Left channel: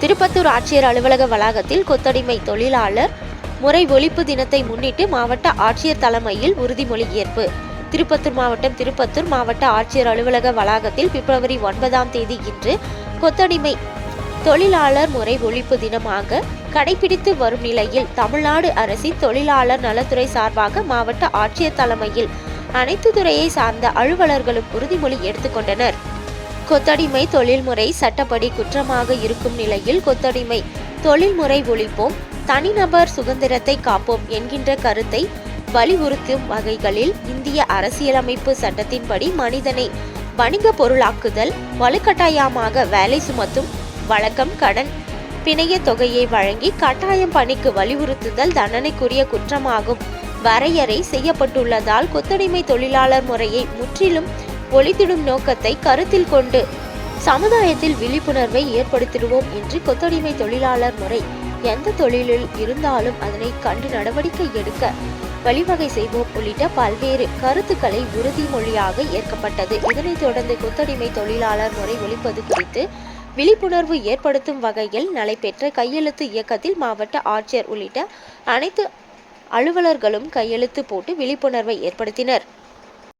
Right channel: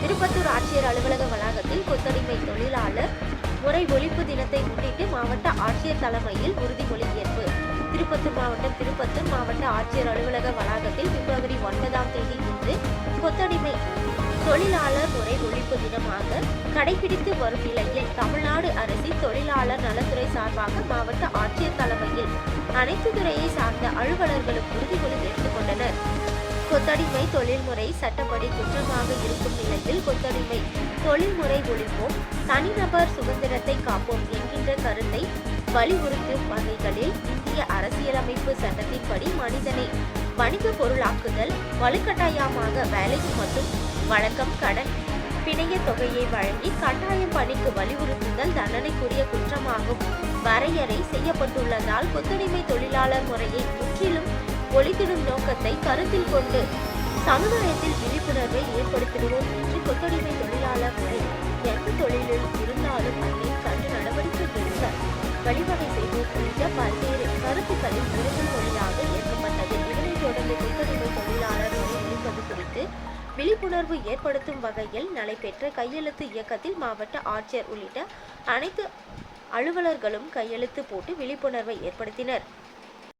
திருப்பத்தூர் ஆட்சியர் அலுவலக வளாகத்தில் கொத்தடிமை தொழிலாளர் முறை ஒழிப்பு தினத்தை முன்னிட்டு மாவட்ட ஆட்சியர் தலைமையில் உறுதிமொழி ஏற்பு. திருப்பத்தூர் மாவட்டம் திருப்பத்தூர் மாவட்ட ஆட்சியர் அலுவலக வளாகத்தில் பிப்ரவரி ஒன்பதாம் தேதி இன்று கொத்தடிமை தொழிலாளர் முறை ஒழிப்பு தினமாக கடைபிடித்து வரும் நிலையில் தமிழ்நாடு அரசின் தொழிலாளர் நலத்துறை சார்பாக மாவட்ட ஆட்சியர் தலைமையில் அனைத்து துறையை சார்ந்த அலுவலர்களும் உறுதிமொழி எடுத்துக்கொண்டனர் கொத்தடிமை தொழில்முறை சட்டப்படி குற்றமாக இருக்கும் நிலையில் கொத்தடிமை. தொழில்முறை ஒழிப்போம் தனிநபர் சுதந்திரத்தை காப்போம் என்கின்ற கருத்தை வலியுறுத்தும் வகைகளில் இந்திய அரசியலமைப்பு சட்டத்தின்படி மனிதனை வணிக பொருளாக்குதல் வலுக்கட்டாயமாக வேலை சுமத்தும் வழக்கம் கடன் பிணைய தொகையை வழங்கி கட்டாயம் பணிக்கு வலியுறுத்துதல் தண்டனைக்குரிய குற்றமாகும். வரையறை செய்யப்பட்டுள்ளதால் கொத்தடிமை தொழிலாளர் முறையை முற்றிலும் ஒழித்திடும் நோக்கத்தை கருத்தில் கொண்டு சமுதாயத்தில் விழிப்புணர்வை ஏற்படுத்திடுவோம் என்று கொத்தடிமை தொழிலாளர் முறை எந்த தொழிலில் இருந்தாலும் அதனை கண்டு நடவடிக்கை எடுக்க வழிவகை செய்வோம் உள்ளிட்ட பல்வேறு கருத்துக்களை உறுதிமொழியாக ஏற்கப்பட்டது. இதனைத் தொடர்ந்து கொத்தடிமை தொழிலாளர் முறை ஒழிப்பது குறித்து விழிப்புணர்வு ஏற்படுத்தும் வகையில் நடைபெற்ற கையெழுத்து இயக்கத்தில் மாவட்ட ஆட்சியர் உள்ளிட்ட அனைத்து அலுவலர்களும் கையெழுத்து போட்டு விழிப்புணர்வை ஏற்படுத்தினர்.